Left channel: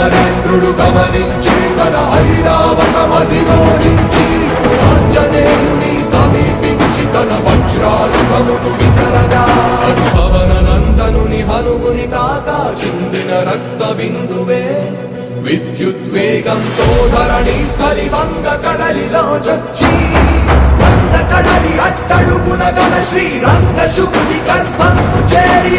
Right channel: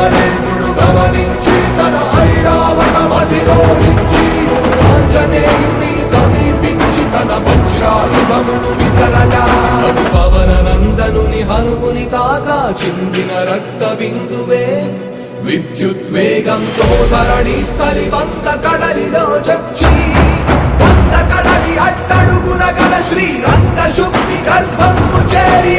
అమరేంద్రుడు గమనించి తన ఐరావతమధిరోహించి ఆంజనేయుని సమీపించి తన వజ్రాయుధమును విసరగా పవన నందనుని హనుముని తాకా చిందిన రక్త బిందువే విద్యుద్వేగంతో ధరణి స్థలి వంద కడలిలో చొచ్చి వంద కడలి అట్టడుగున గల శ్రీరంగ శుద్ధి గర్భము చేరి